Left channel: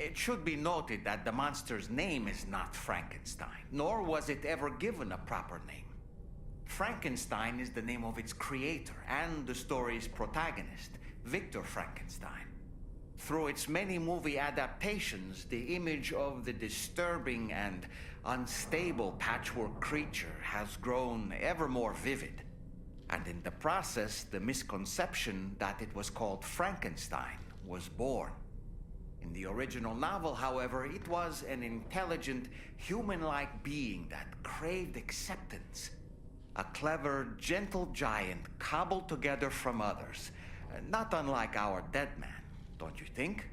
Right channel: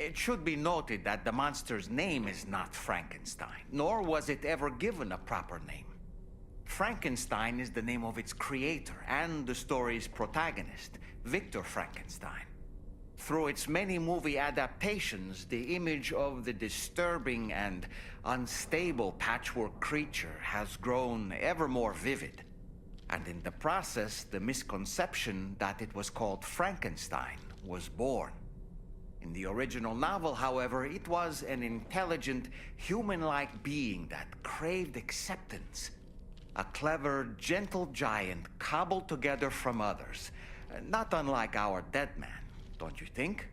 It should be noted that the monster's name is not Frankenstein, nor was it ever given a proper name. Frankenstein is the name of its creator and the story's protagonist, Victor Frankenstein. Through its many movie adaptations, the image of the disturbing and unstable patchwork creature has grown ever more vivid. And in the process, the misconception that it was called Frankenstein was born. In the original novel, however, it was an intelligent, human-like being that craved acceptance. A clever, gentle giant cobbled together from others, not unlike our dead man, don't you think?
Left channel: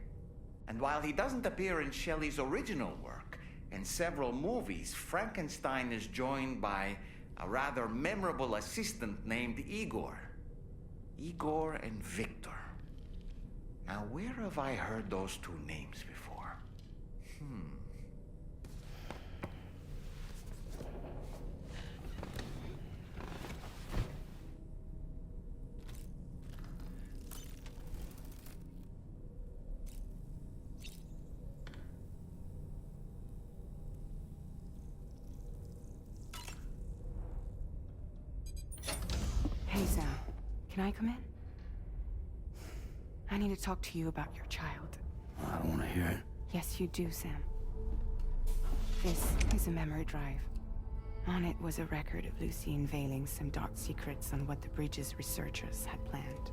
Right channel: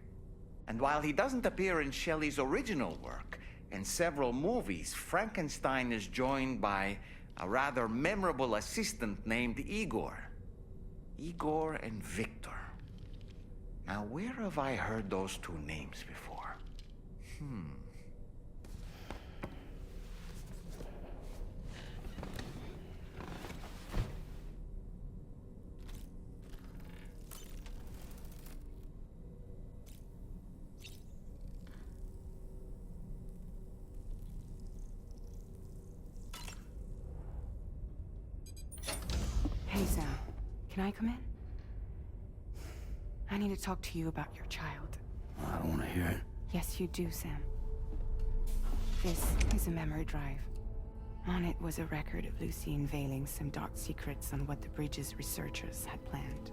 And while he doesn't appear in Shelley's original work, in several movies, Frankenstein is joined by a rather memorable assistant named Igor. Igor and Victor. Now, where have I heard those two names before? Hey, Sam. Can I come in? I need to talk to you about your child. I don't want to hear it. Yes, you do, Sam. This is a memory drive. On it was a record of Lucy unveiling some dark secrets on what the Bridges researchers had planned.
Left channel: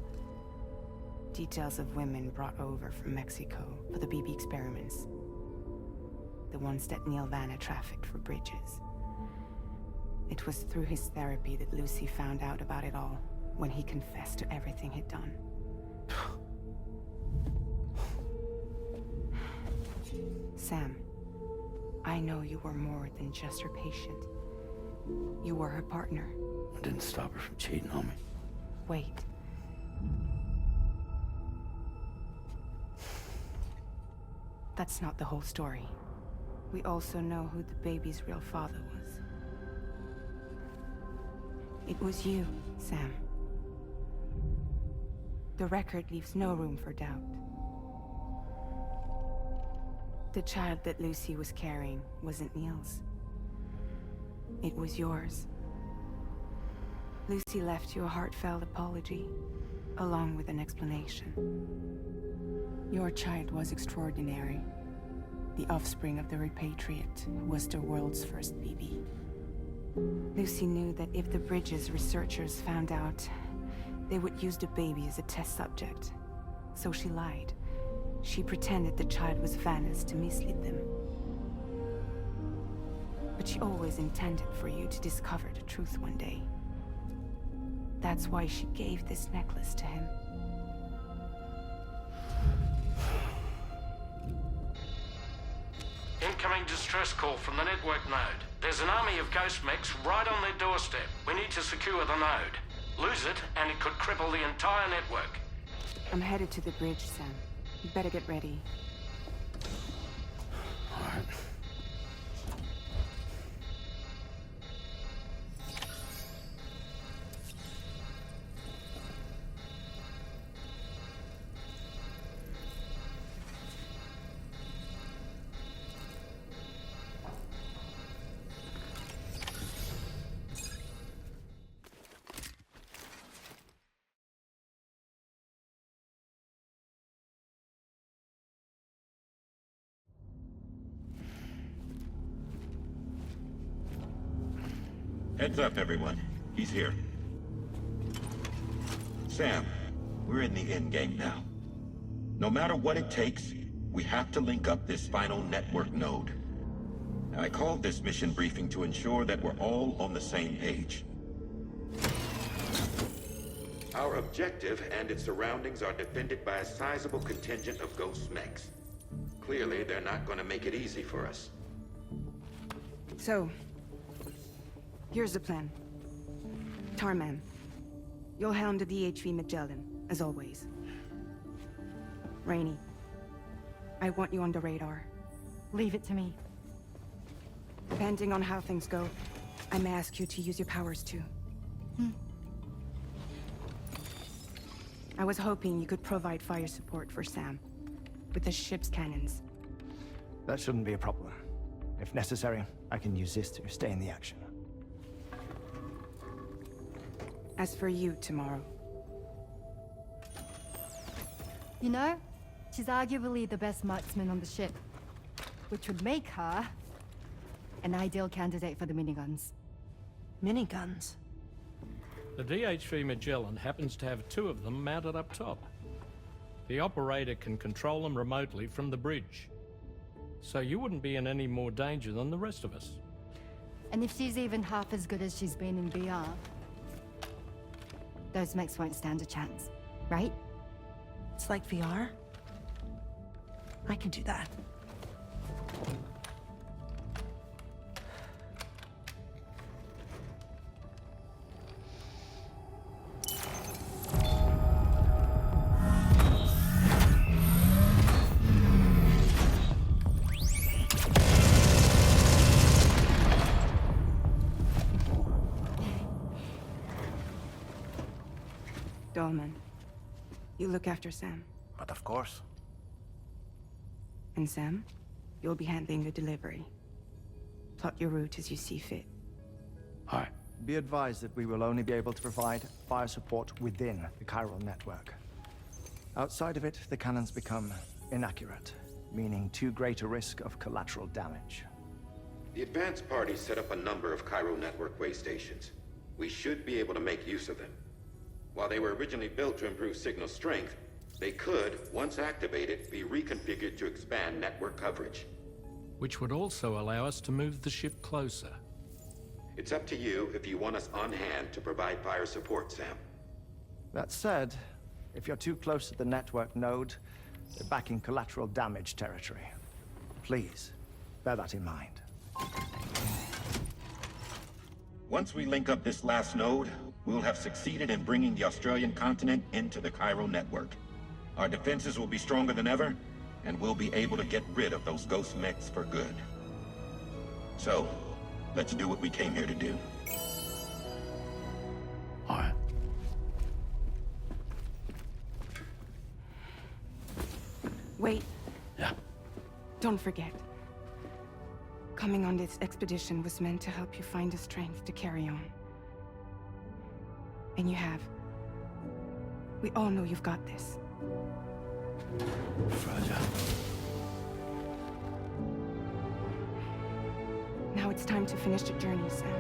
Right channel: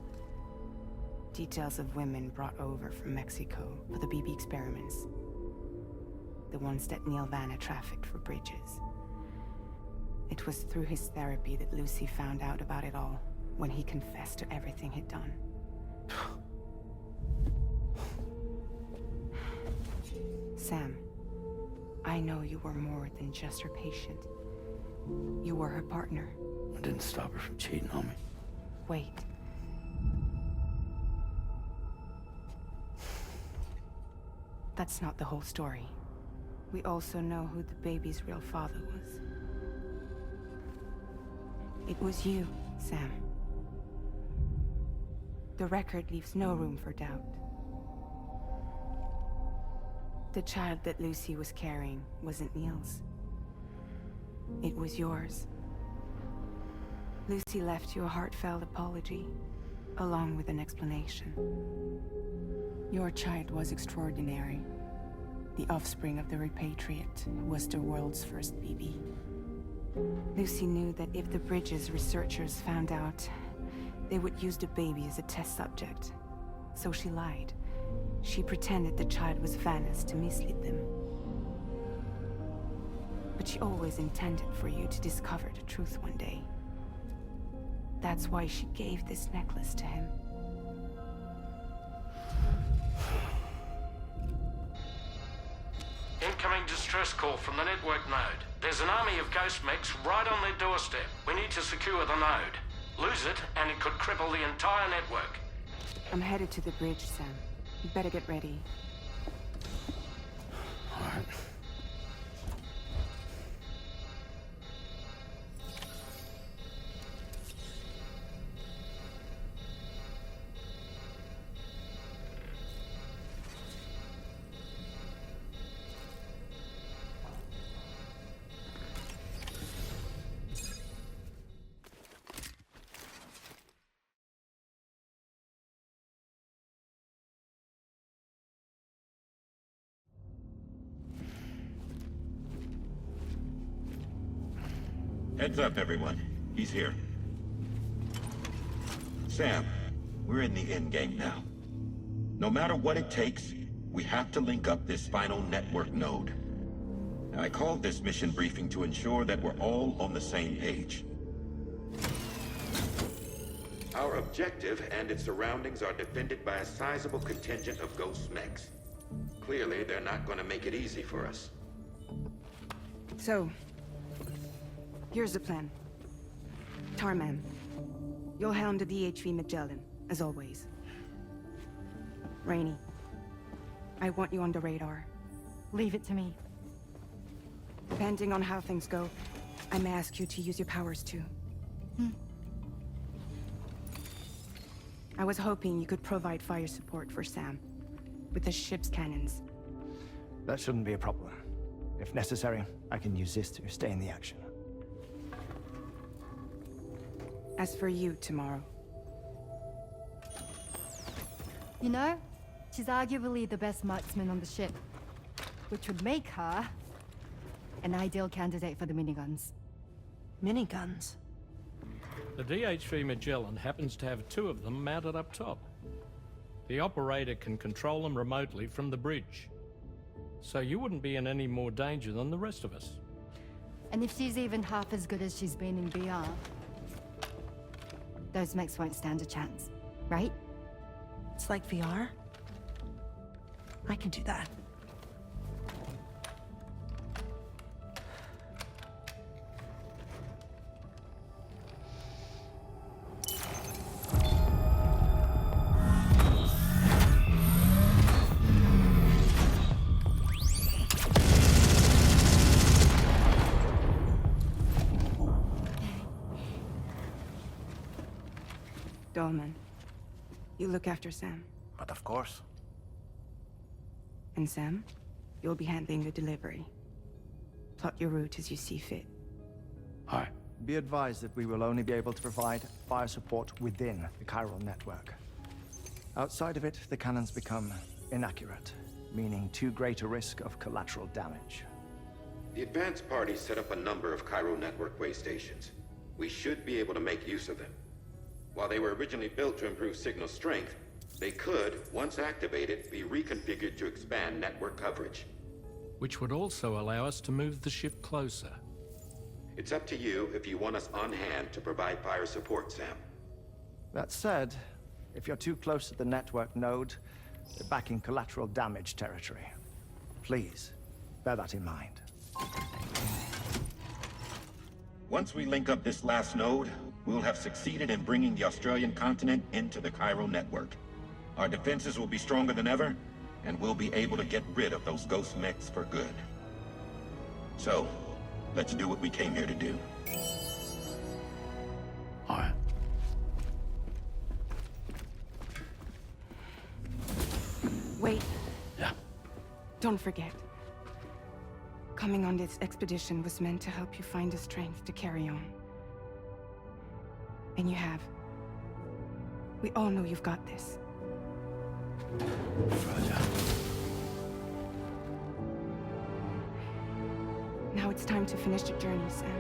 Details of women brought over from Mexico for the BB experiments. The ones that Neil Vanna trafficked for Bridges. It was through his therapy that Lucy found out about it all, when he confessed to everything he'd done. Sam, I know you were more than just her patient. You were her partner. I didn't stop her from cheating on me. Wait. That's not the whole story. We also know who the baby's real father was. It was you, Sam. The record leaves no room for doubt. The child that Lucy was carrying wasn't Neil's. It was yours. Lucy left you a heartfelt apology, along with an explanation. Your child was extraordinary. The offspring of the repatriate who was the world's first BB. Lucy knew that if the Bridges researchers found out, they would use the baby as a test subject. So she lied. She pretended the child was Vanna's to mislead them. But she always intended for you to discover the truth one day. That's why she gave this necklace to him. Incoming distress call from the network node. There's an army of ghost mechs right on their doorstep. We need to secure the node. Lose it, and it could cripple the entire network. I'm headed to the bridge, Sam. You better get ready. All right. Heads up, everyone. He's here. Sam, we're in the endgame now. No matter what it takes, we have to link up this final network node. I called this mission briefing to ensure that we're all on the same page. Our objective and its surroundings are defended by a sizable contingent of ghost mechs. Clearly, they're not going to make it easy for us. So, here's the plan. Tarman, you'll helm the DHV Magellan, as always. Rainey, I want you on the radar. Leave it to me. Depending on how things go, I may ask you to use your powers too. I was hoping you could provide fire support for Sam, with the ship's cannons. That shouldn't be a problem. If necessary, I can use this to stay in the action. As for you, tomorrow, You know, she's arguably the best marksman on the ship, which would make her an ideal candidate for the miniguns. Miniguns? The DH-3 Magellan happens to have 2 of them mounted up top. The operator can control them remotely from the bridge. So you wouldn't be in any more danger than the rest of us. And if she's even half as good as she's been in BR, those mechs won't stand a chance, right? It's like VR? I can do that. Dolman, you look after Sam. But of course. And Sam, you'll be handling the delivery. Plot your route as you see fit. All right. Be advised that we will only be able to provide fire support within the chiral network. Outside of it, the cannons become inaccurate, meaning too great a risk of collateral damage. The advanced party set up a number of chiral network way stations. We should be able to make use of them. While they were originally built to improve signal strength, they could, once activated, be reconfigured to expand network coverage. Which would also allow us to move the ship closer. It's up to you if you want us on hand to provide fire support, Sam. That said, if you're too close to the network node, you're back in collateral damage territory. Please, bear that in mind. Once we link up this last node, we'll have succeeded in bringing the Australian continent into the chiral network. Our defenses will be stronger than ever, and we'll be able to get rid of those ghost mechs for good. So, let's do what we came here to do. All right. Wait, Yeah. don't forget. Coming on this expedition was meant to help you find the strength to carry on. And you have. We all know you've got this. Roger. Now it's time to finish the journey, Sam.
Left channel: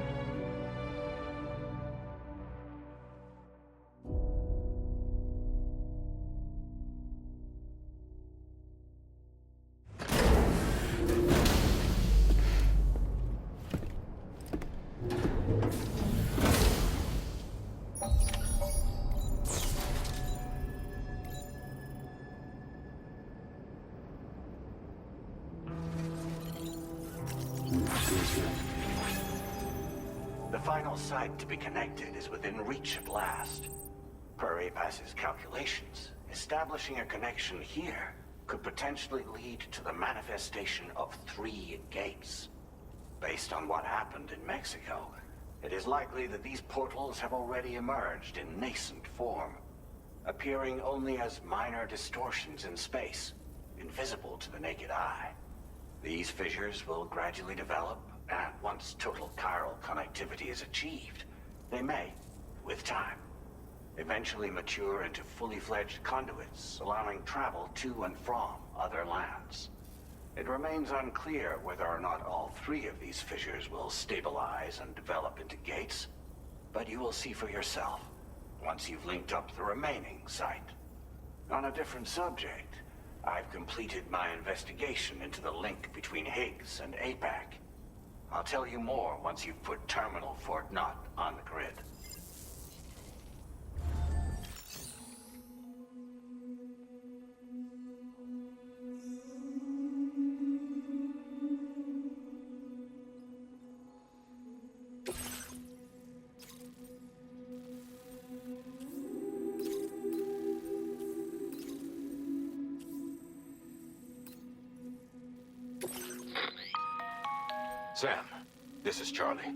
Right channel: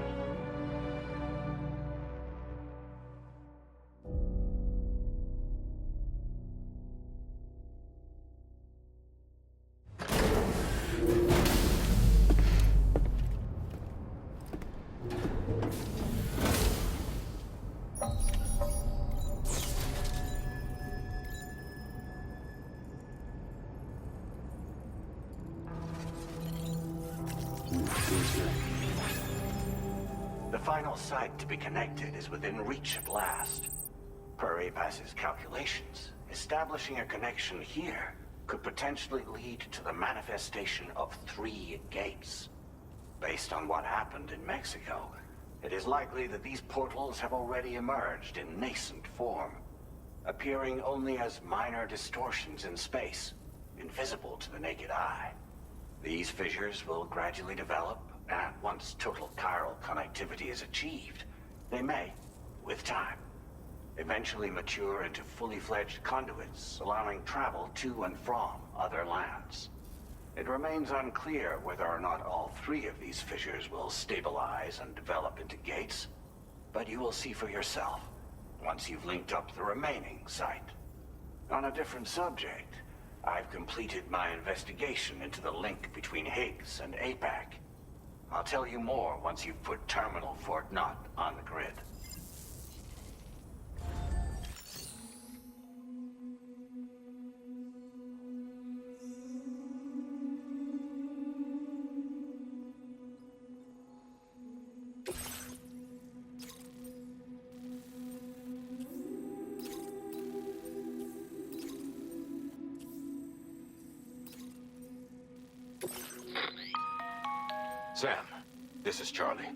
The final site to be connected is within reach at last. Per APAS's calculations, establishing a connection here could potentially lead to the manifestation of 3 gates. Based on what happened in Mexico, it is likely that these portals have already emerged in nascent form, appearing only as minor distortions in space, invisible to the naked eye. These fissures will gradually develop, and once total chiral connectivity is achieved, they may, with time, eventually mature into fully fledged conduits, allowing travel to and from other lands. It remains unclear whether or not all 3 of these fissures will stabilize and develop into gates, but you will see for yourself once you've linked up the remaining site. On a different subject, I've completed my investigation into the link between Higgs and APAC. I'll tell you more once you've put Terminal Fort Knott on the grid. Sam, this is Charlie.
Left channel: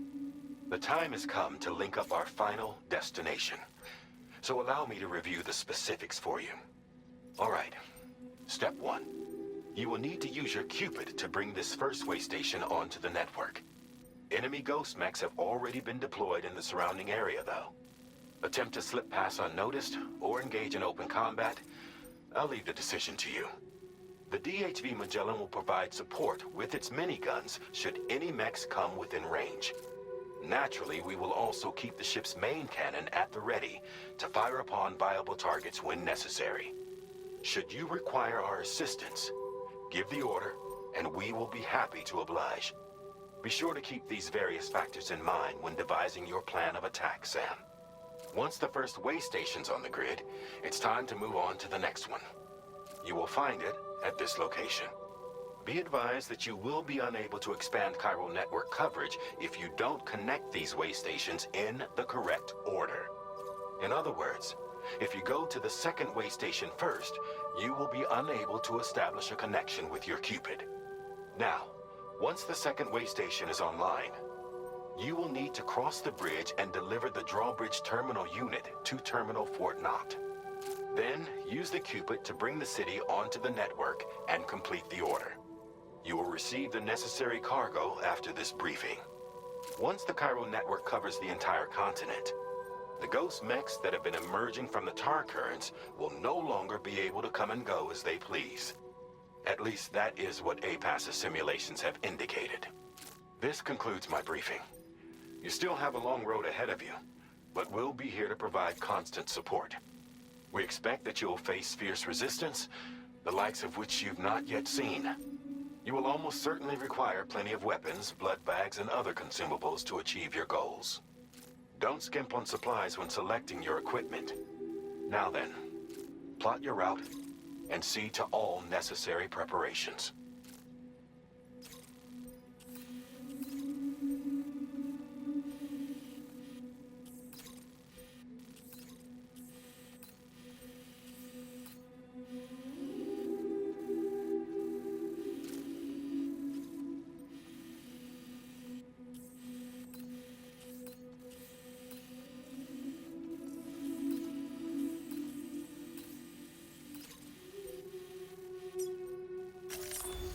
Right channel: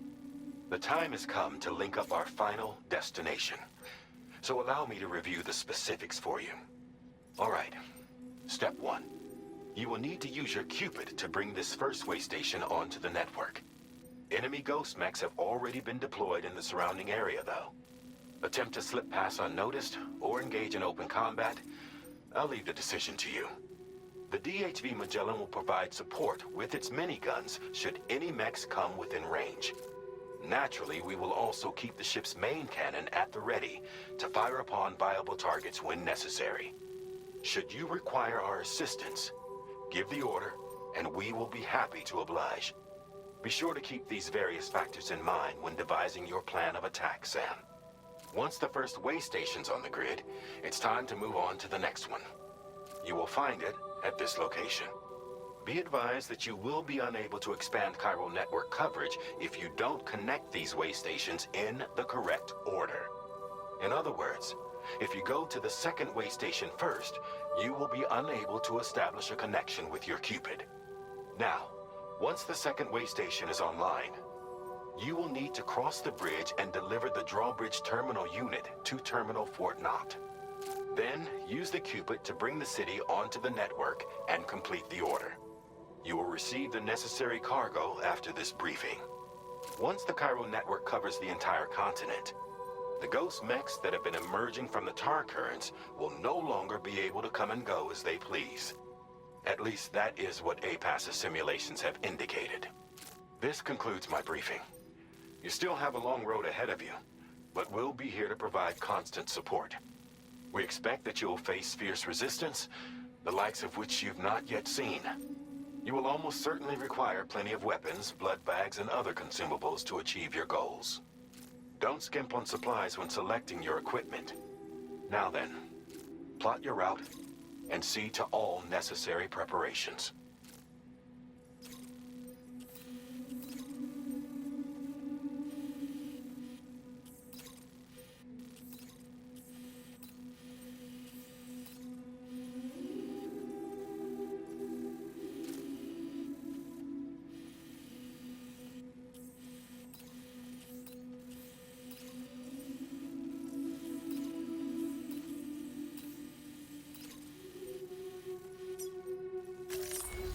The time has come to link up our final destination. So allow me to review the specifics for you. All right. Step 1. You will need to use your Cupid to bring this first way station onto the network. Enemy ghost mechs have already been deployed in the surrounding area, though. Attempt to slip past unnoticed or engage in open combat, I'll leave the decision to you. The DHV Magellan will provide support with its miniguns should any mechs come within range. Naturally, we will also keep the ship's main cannon at the ready to fire upon viable targets when necessary. Should you require our assistance, give the order, and we will be happy to oblige. Be sure to keep these various factors in mind when devising your plan of attack, Sam. Once the first way station's on the grid, it's time to move on to the next one. You will find it at this location. Be advised that you will be unable to expand chiral network coverage if you don't connect these way stations in the correct order. In other words, if you go to the second way station first, you will be unable to establish a connection with your Cupid. Now, once the second way station is online, you will need to cross the bridge and deliver the drawbridge terminal unit to Terminal Fort Knott. Then, use the Cupid to bring the city onto the network and complete the order. You will receive the necessary cargo after this briefing. Once the chiral network covers the entire continent, the ghost mechs that have been emerging from the tar currents will no longer be able to come and go as they please. At least that is what APAS's simulations have indicated. This concludes my briefing. You still have a long road ahead of you, but we'll be here to provide constant support. We expect that you'll face fierce resistance, the likes of which you've not yet seen. You will almost certainly require plenty of weapons, blood bags, and other consumables to achieve your goals. Don't skimp on supplies when selecting your equipment. Now then, plot your route and see to all necessary preparations.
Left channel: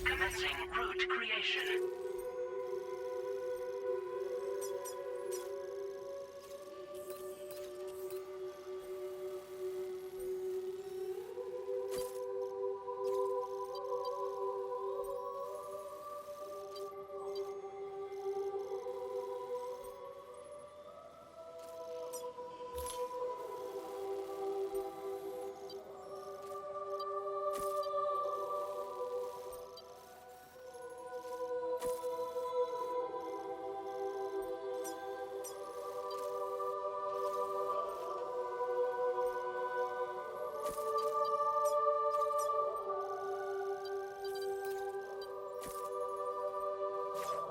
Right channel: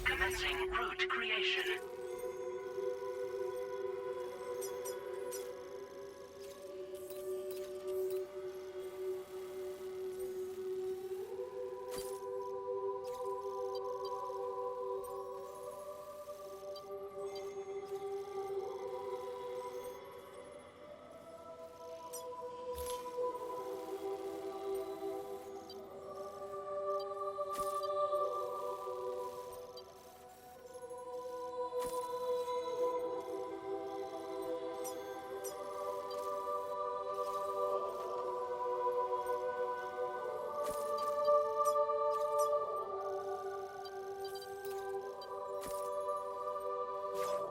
Commencing route creation.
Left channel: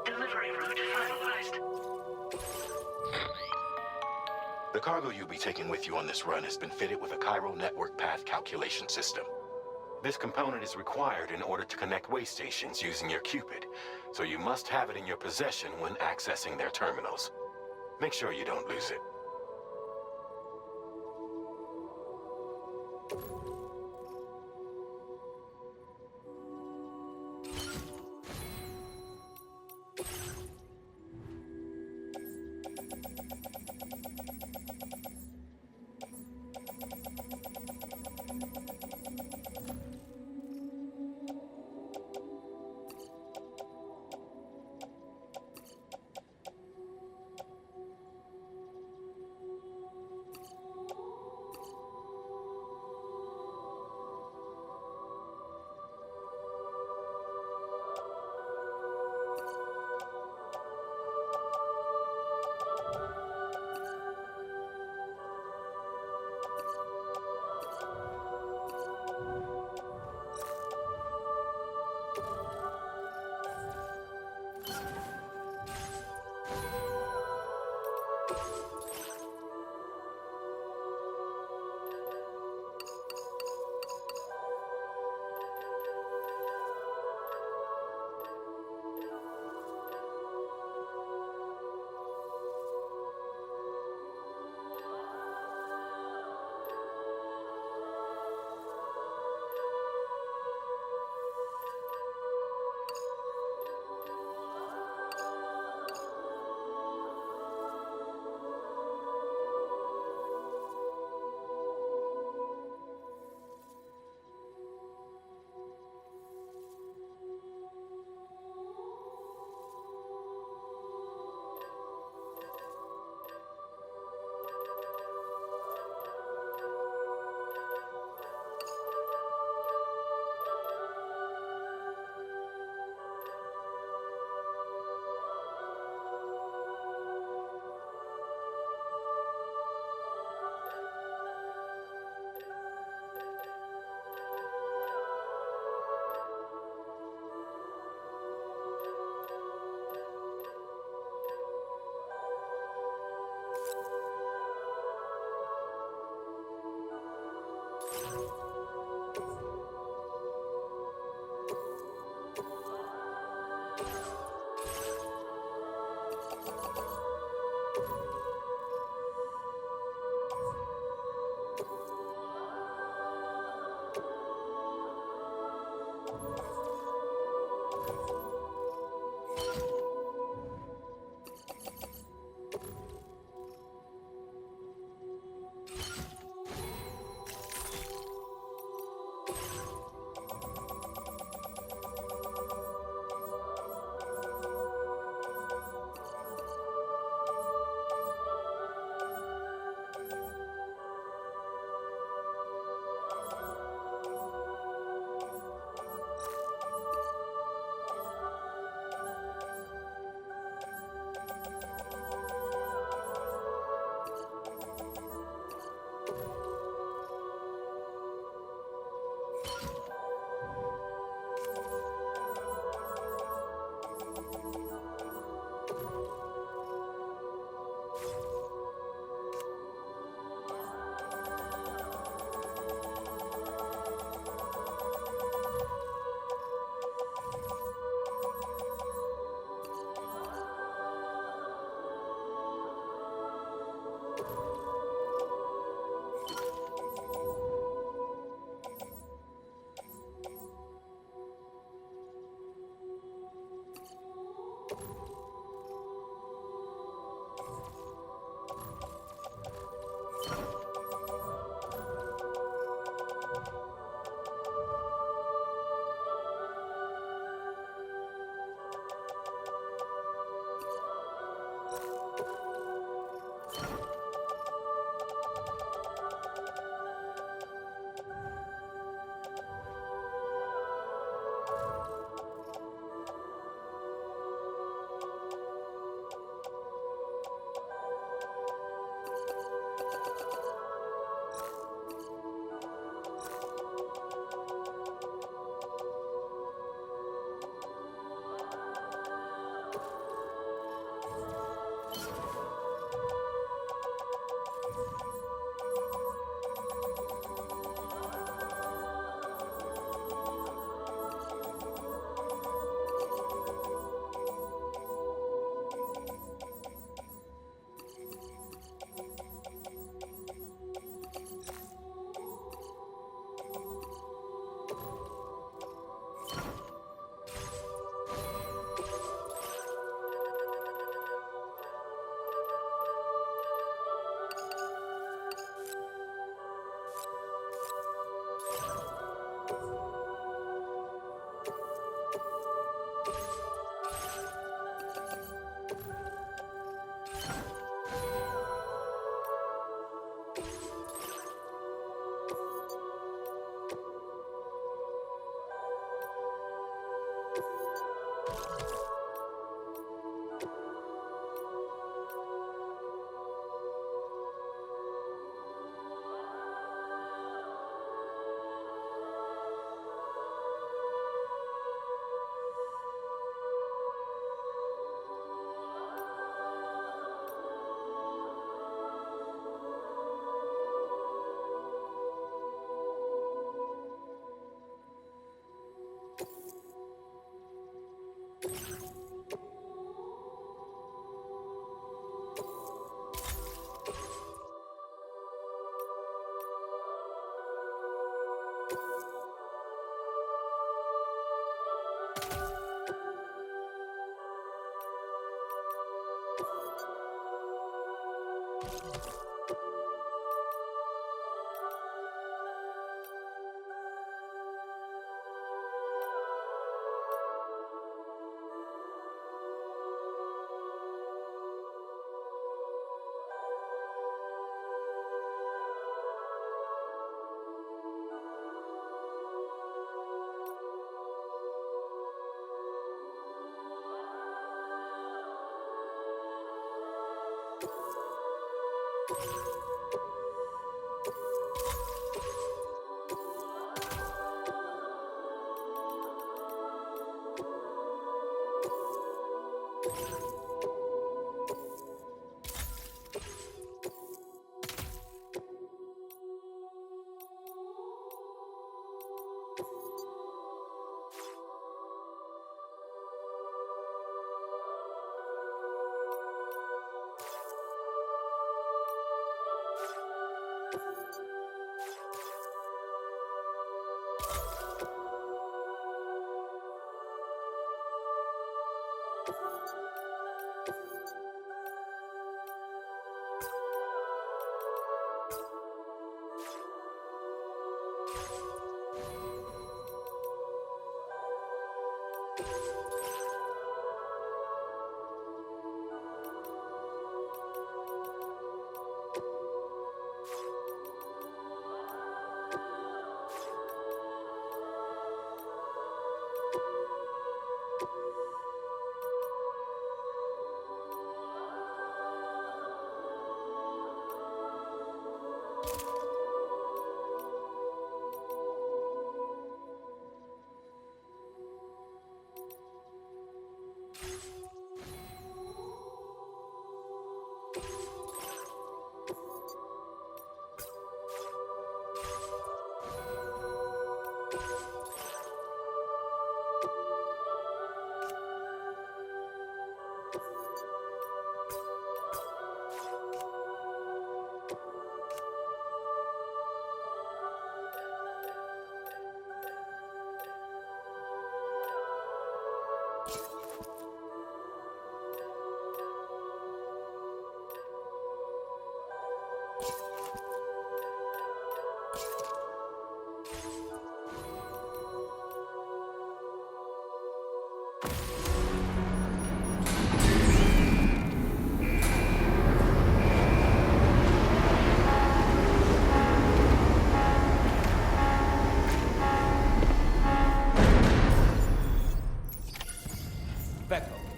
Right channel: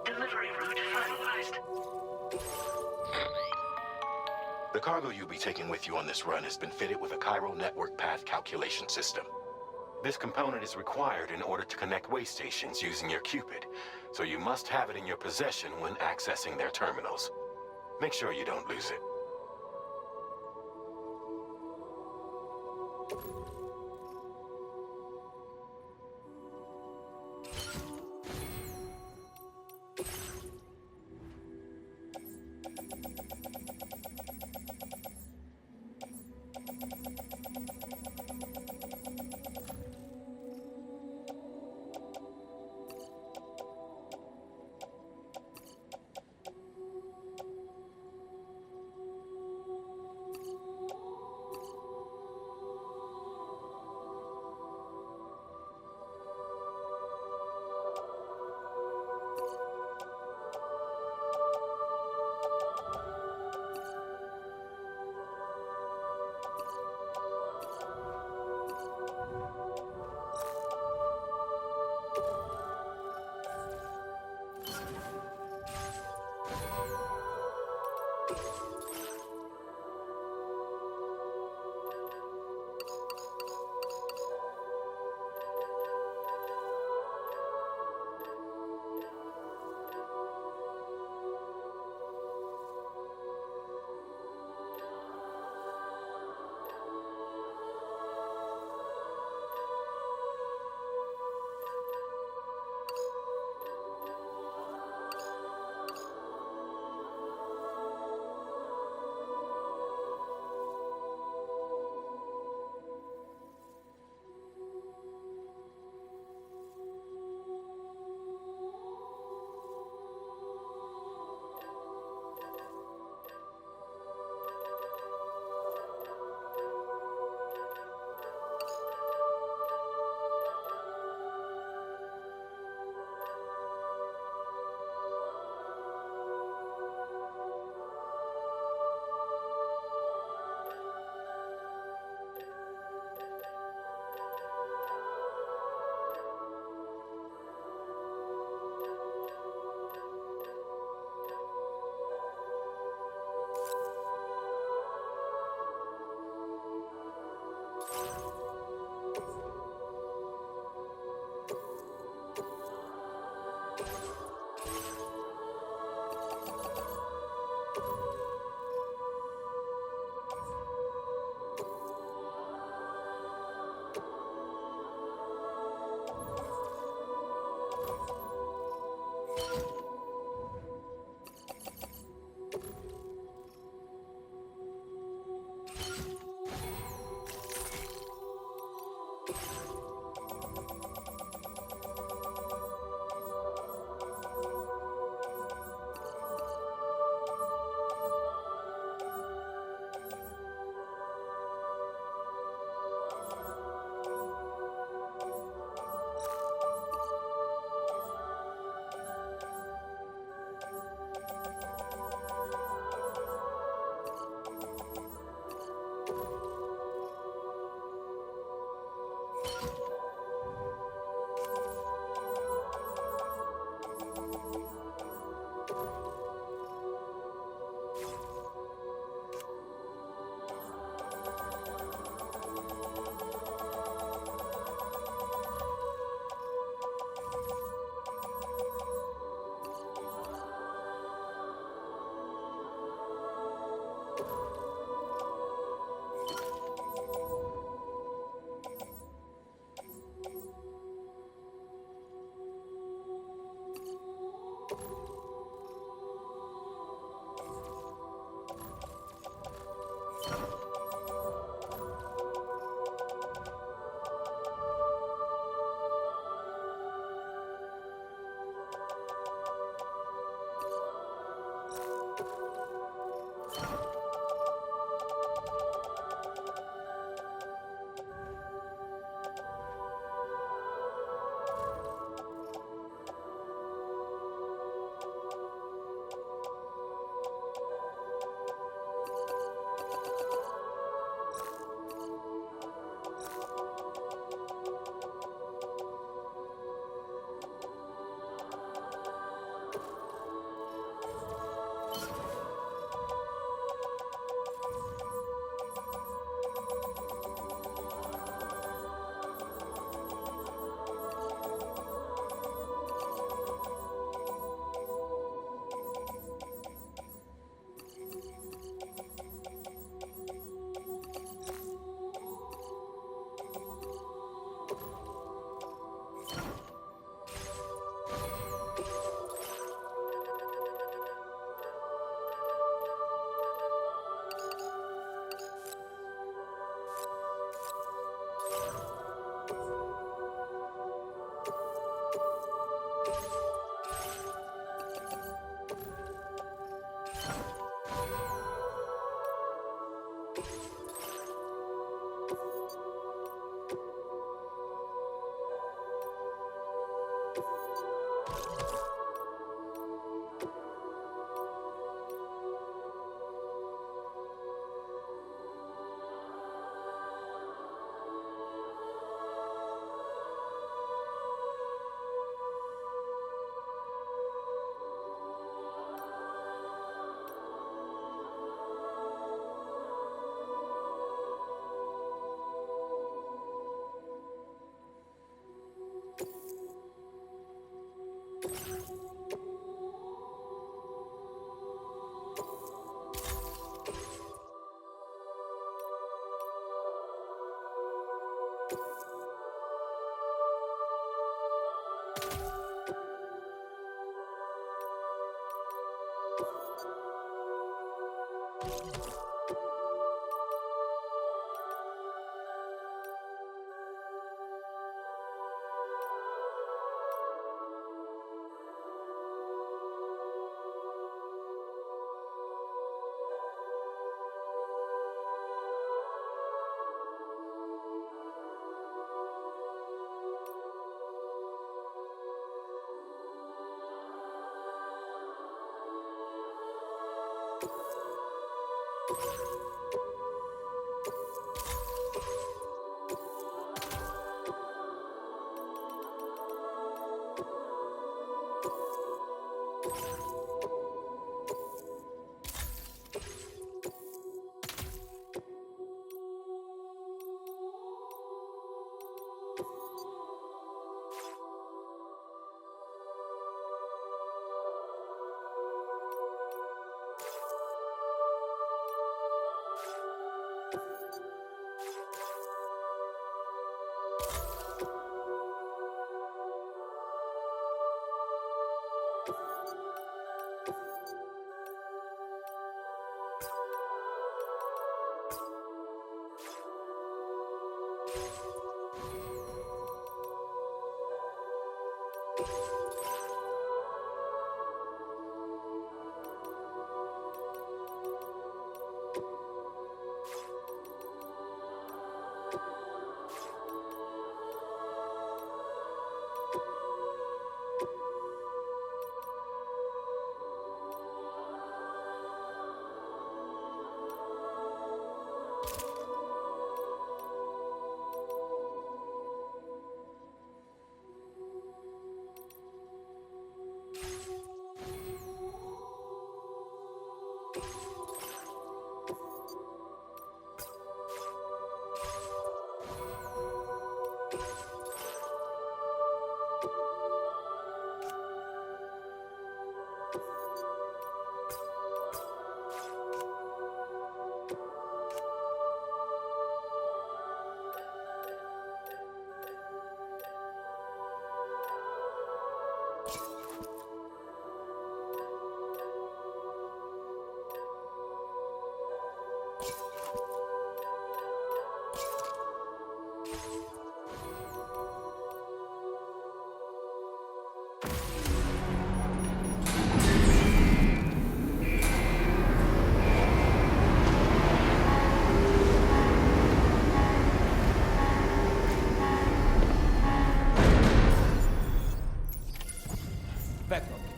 Delivery route finalized. The cargo you'll be taking with you on this run has been fitted with a chiral network path calculation system. This component is required in order to connect way stations using your Cupid, so you must have it in your possession when accessing their terminals. Make sure you don't lose it.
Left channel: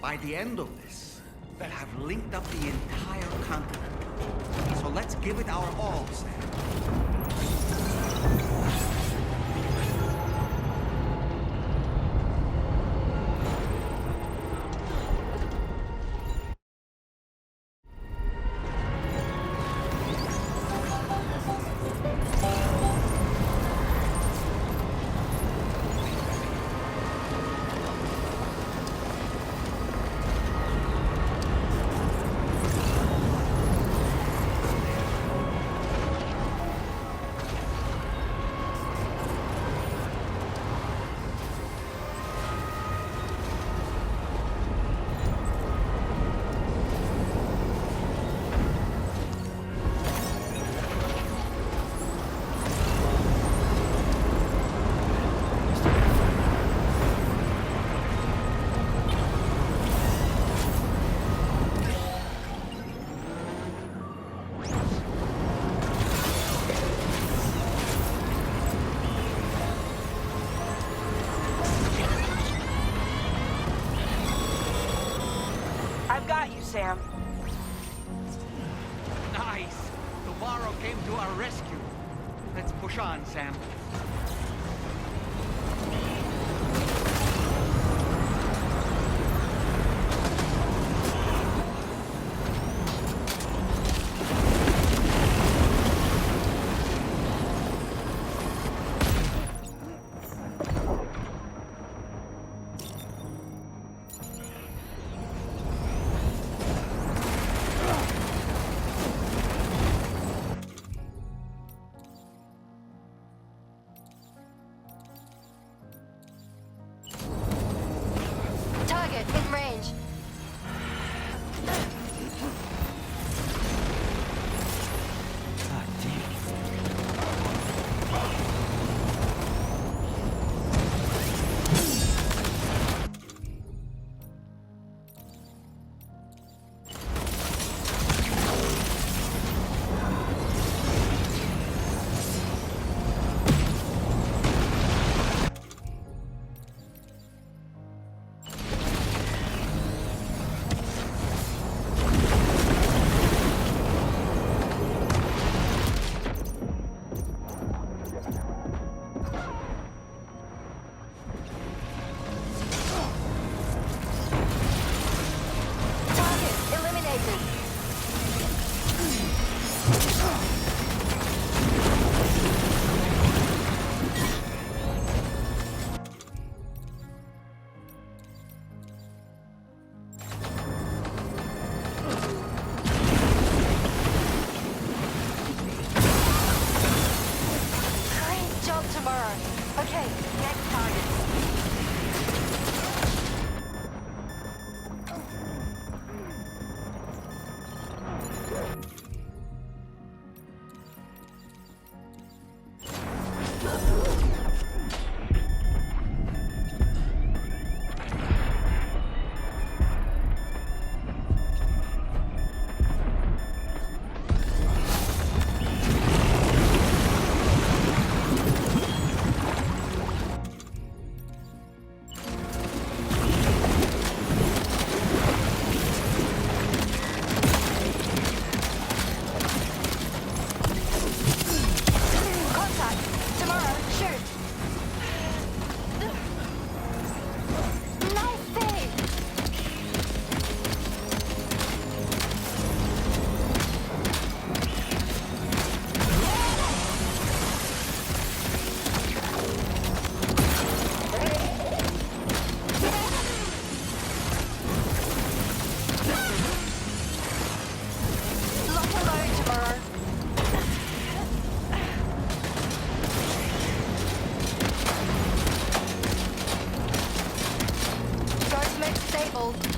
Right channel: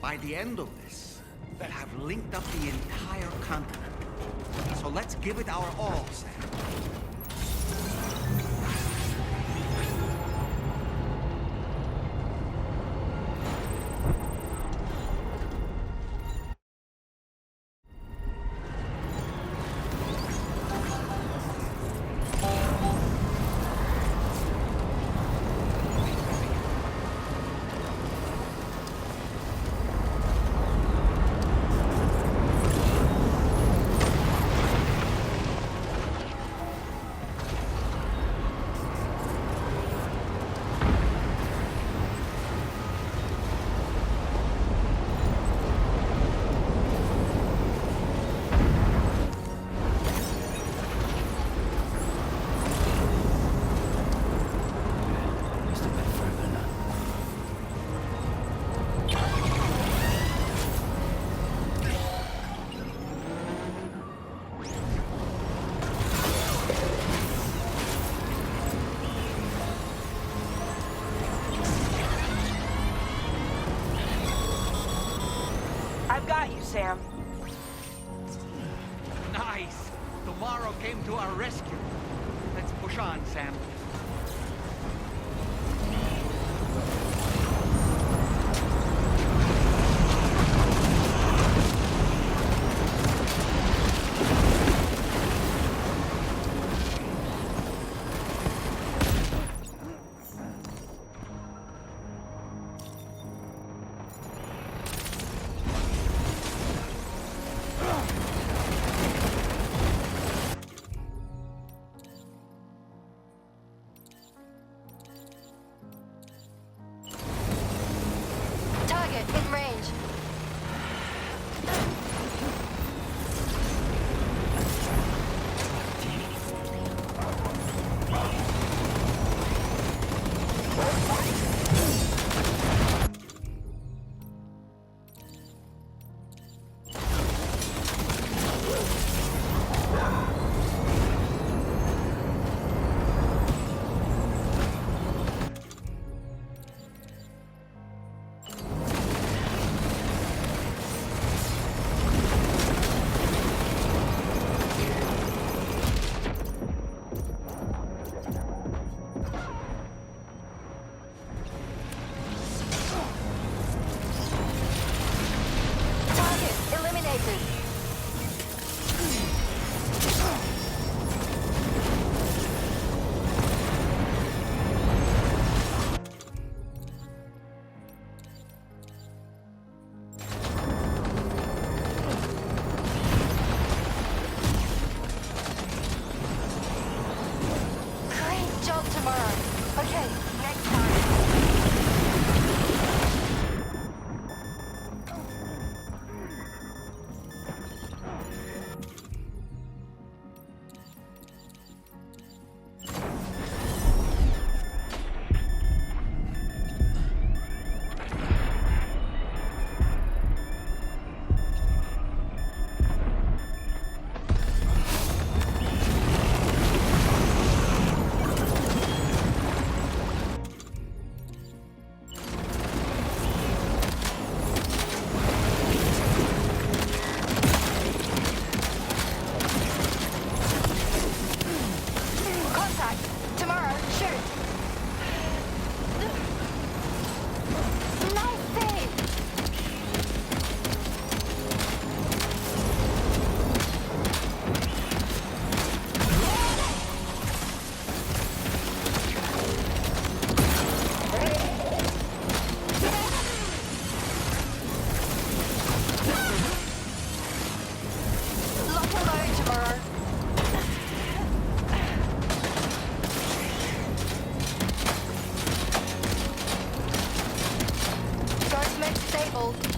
By the end of this, we'll have linked up the entire continent. So let's give it our all, Sam. I've got you, Sam. Nice! Tomorrow came to our rescue. Let's push on, Sam. Target in range. Careful.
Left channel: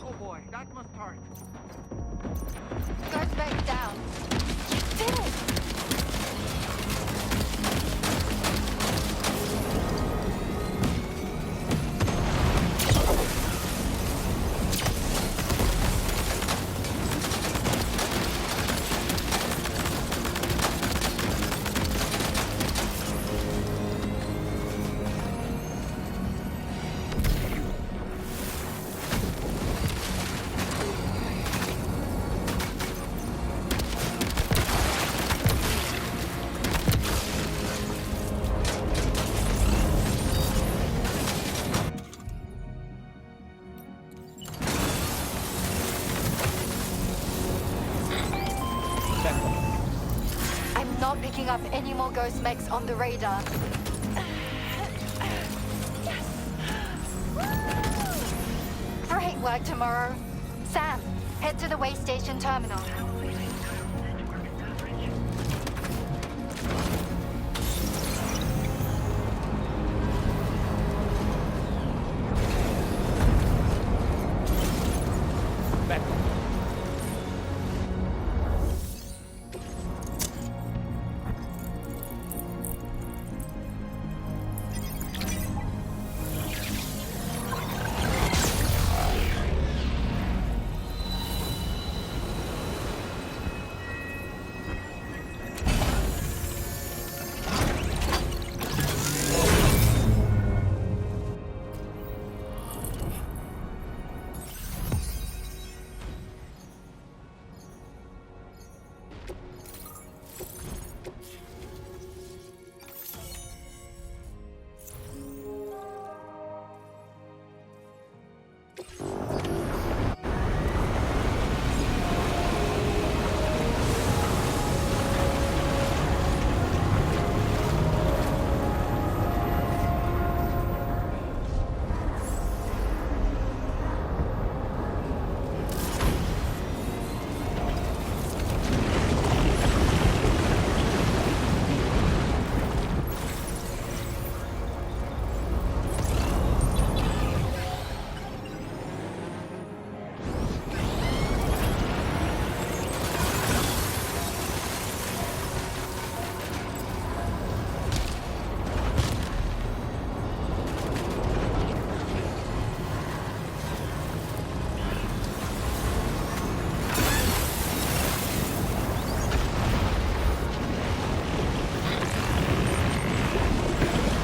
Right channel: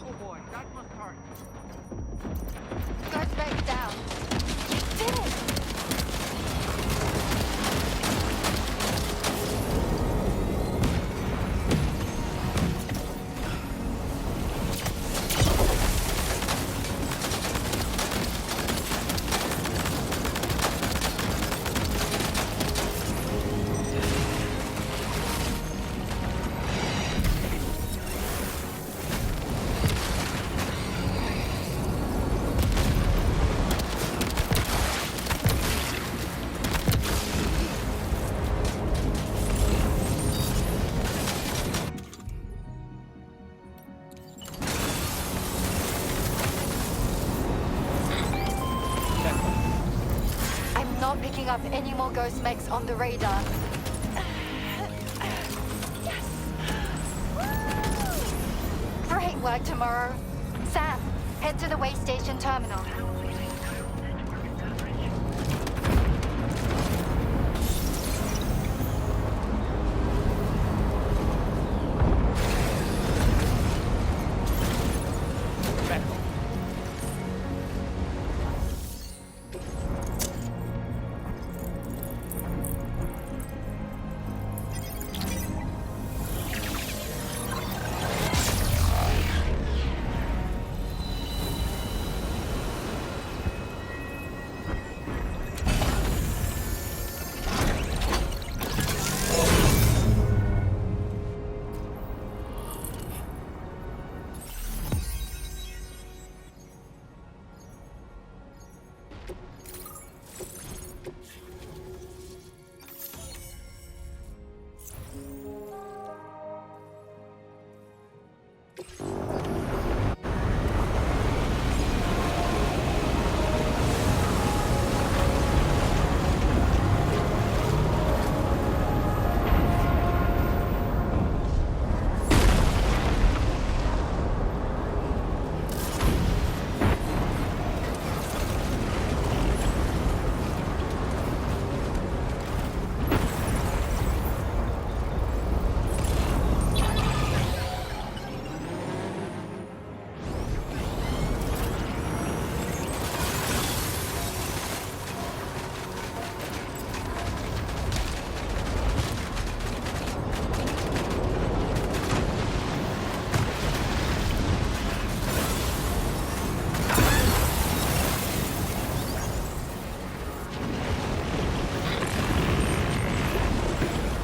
Oh boy, that must hurt. Guard back down. You did it! I'm not picking up any more ghost mechs on the radar. Yes! Woo! Great work tomorrow. Sam, head to the way station terminal.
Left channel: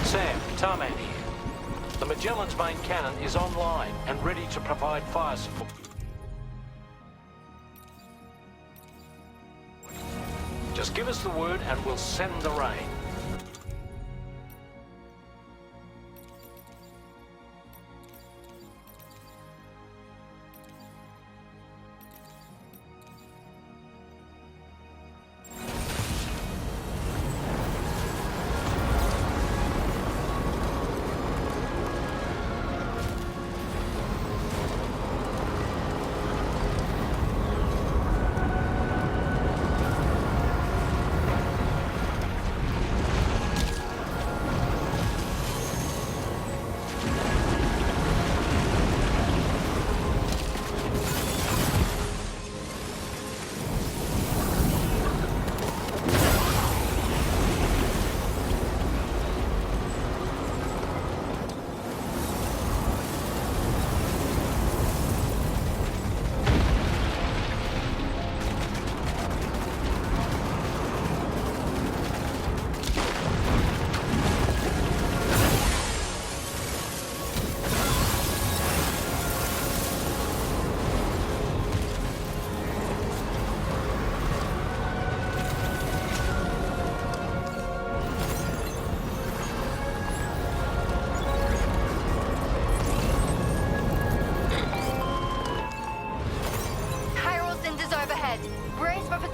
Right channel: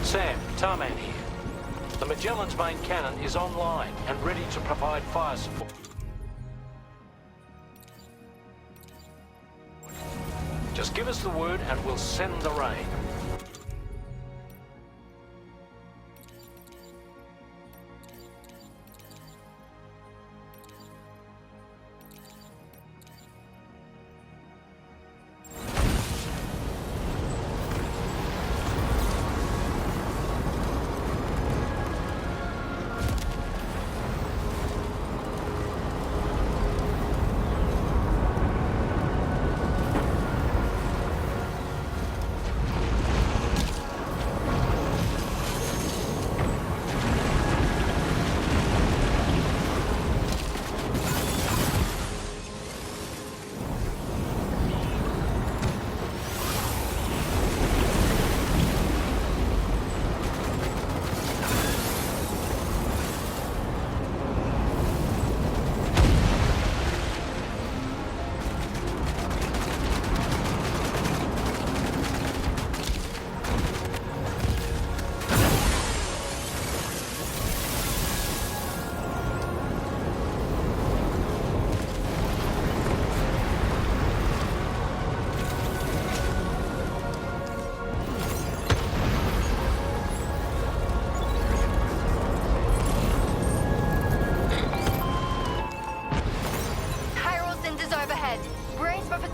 Sam, Tarman here. The Magellan's main cannon is online and ready to provide fire support. Just give us the word and we'll send the rain.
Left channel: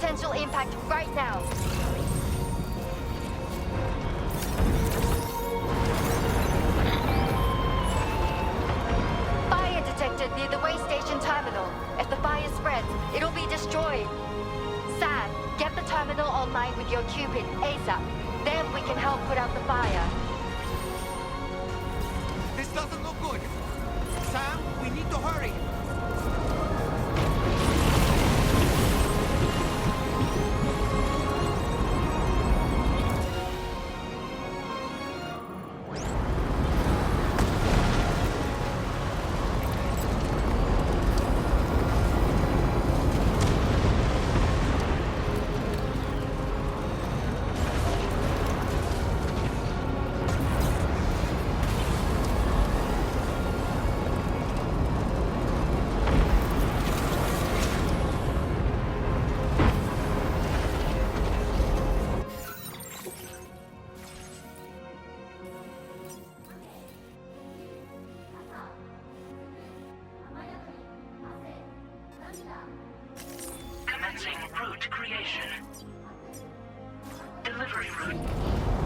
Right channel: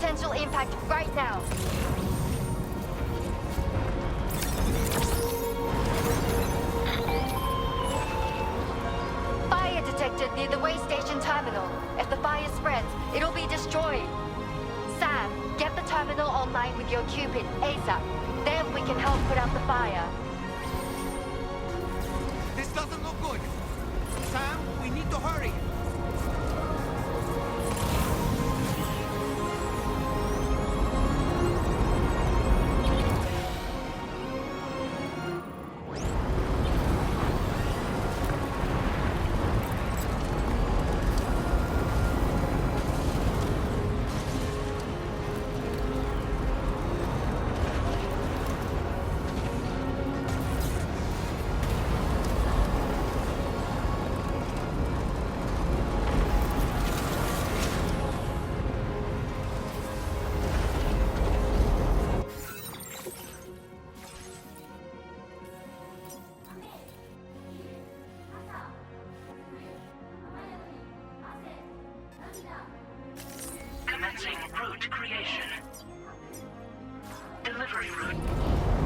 potential impact right now. Fire detected near the way station terminal. If the fire spreads, it'll be destroyed. Sam, get the terminal online with your Cupid ASAP. Then we can help put out the fire. This doesn't look good. Sam, we need to hurry. Commencing route creation. Delivery route.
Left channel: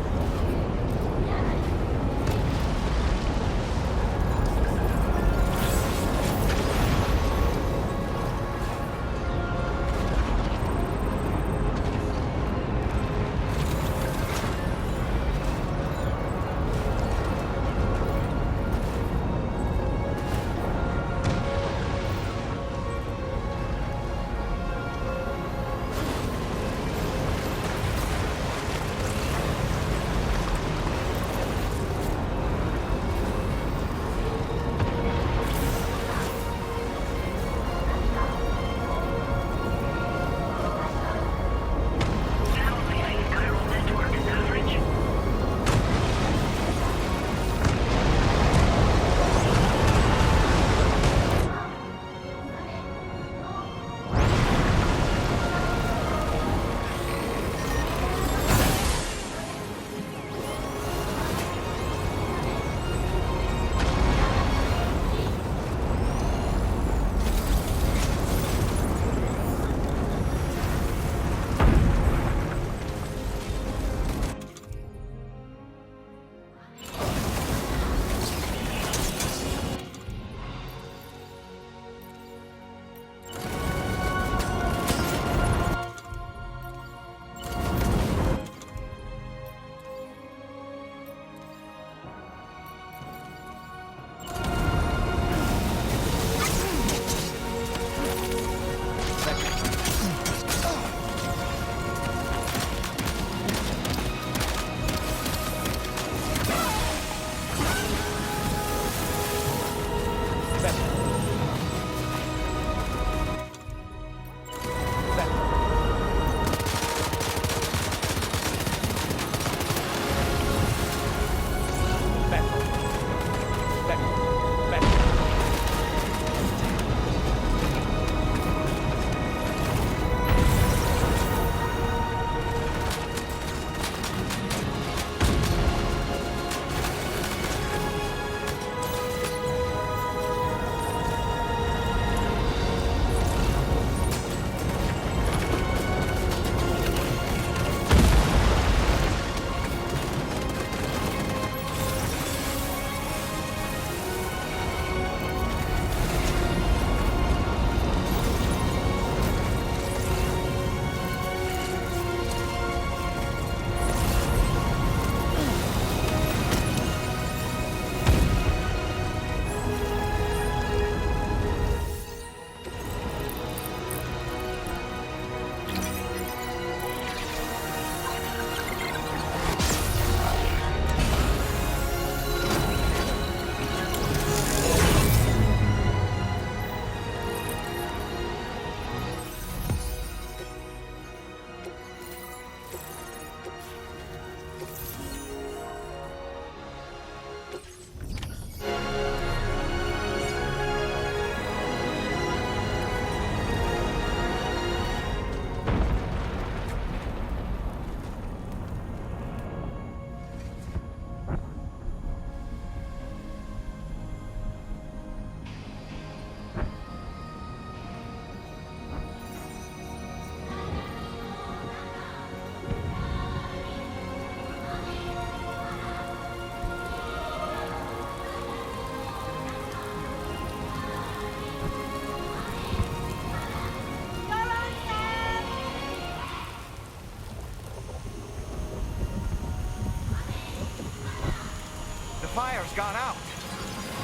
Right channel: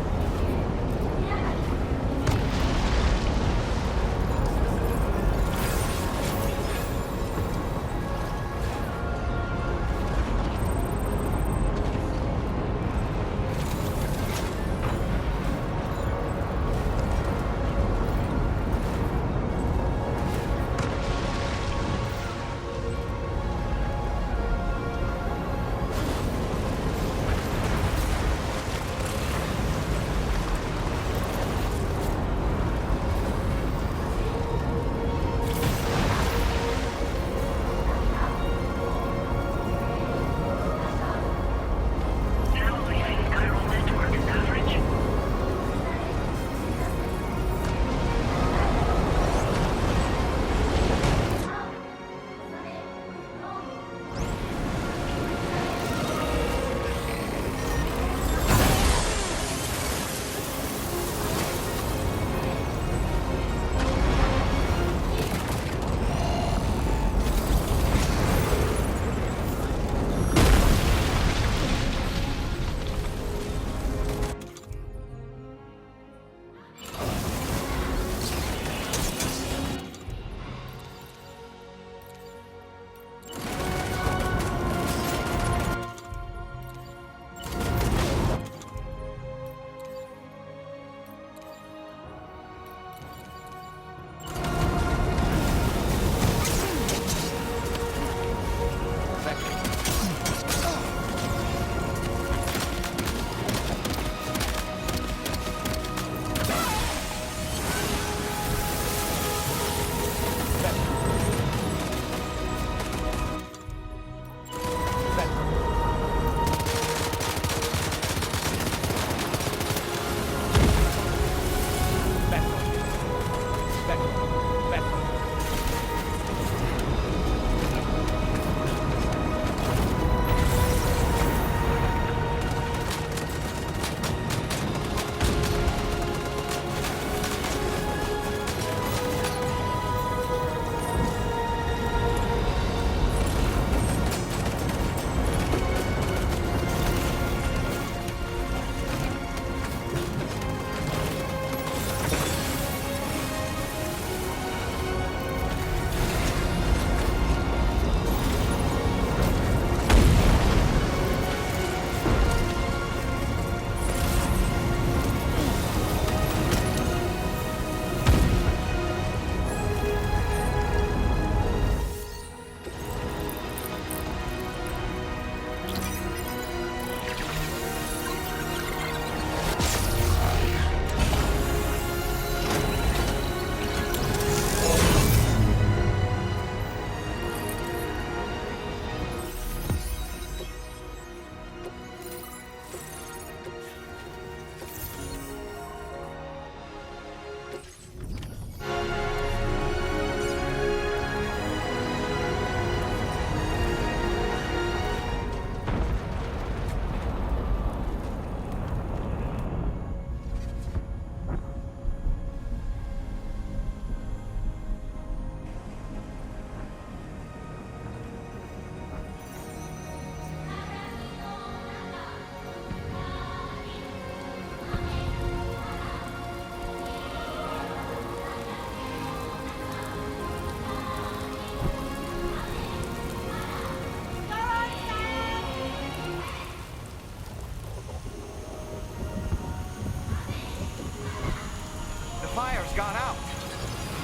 got out.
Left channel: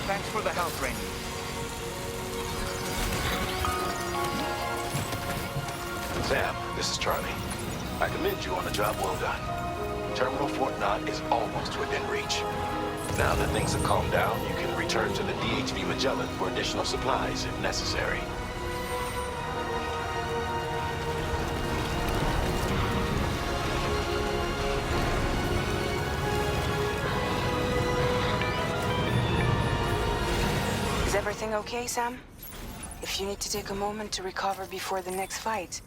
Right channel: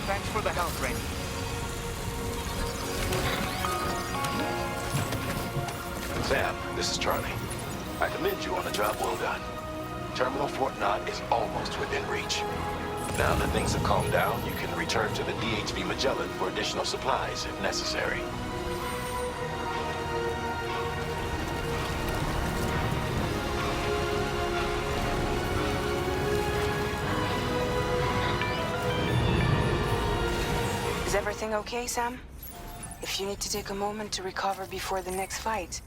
Thanks for the help, Rainey. Sam, this is Charlie. I commend you on a job well done. Terminal Fort Knott is almost within reach. Now that things have calmed down, you can return to the DHV Magellan for additional supplies if necessary. Is everything okay, Sam? If you need to take a moment to recover before the next fight.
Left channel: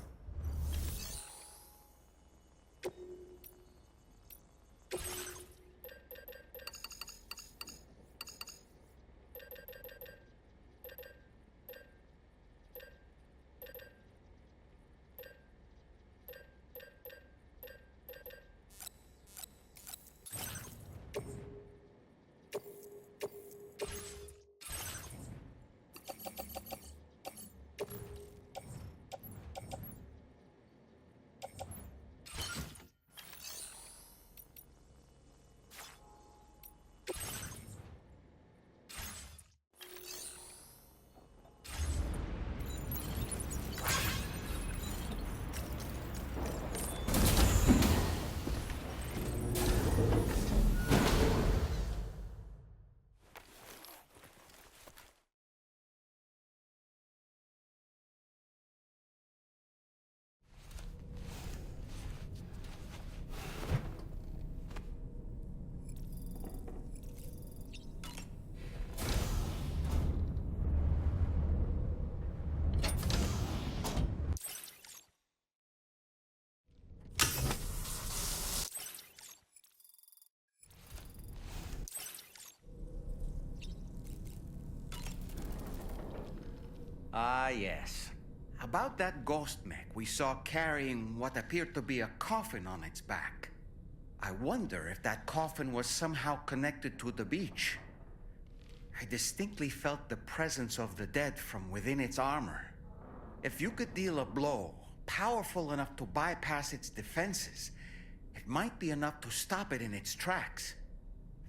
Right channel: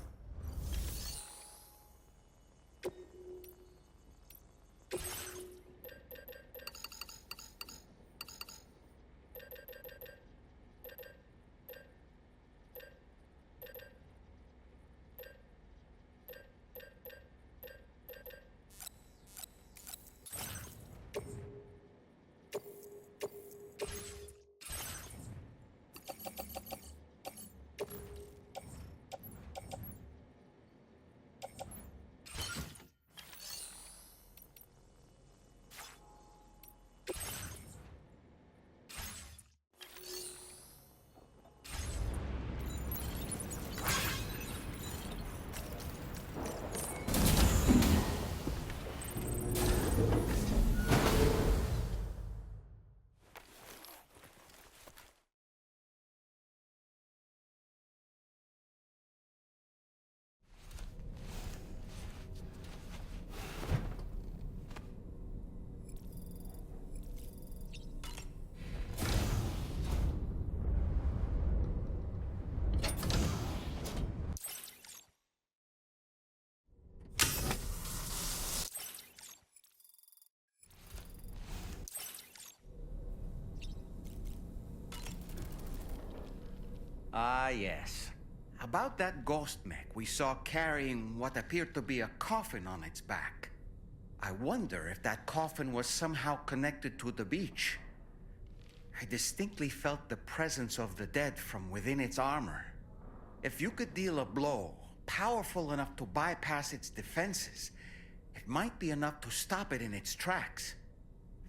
Ah, yes. About that ghost mech we saw carrying what appeared to be a coffin on its back. I wonder if that coffin was somehow connected to the beach. I distinctly felt the presence of the dead from within its armor. If you could deal a blow powerful enough to bypass its defenses, it might be enough to stop it in its tracks.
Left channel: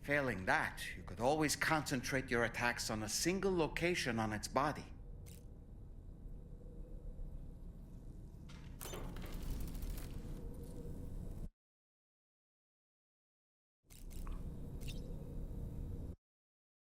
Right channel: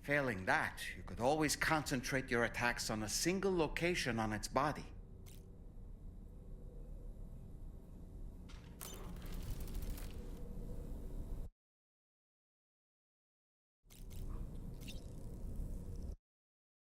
Failing that, you could always concentrate your attacks on a single location on its body.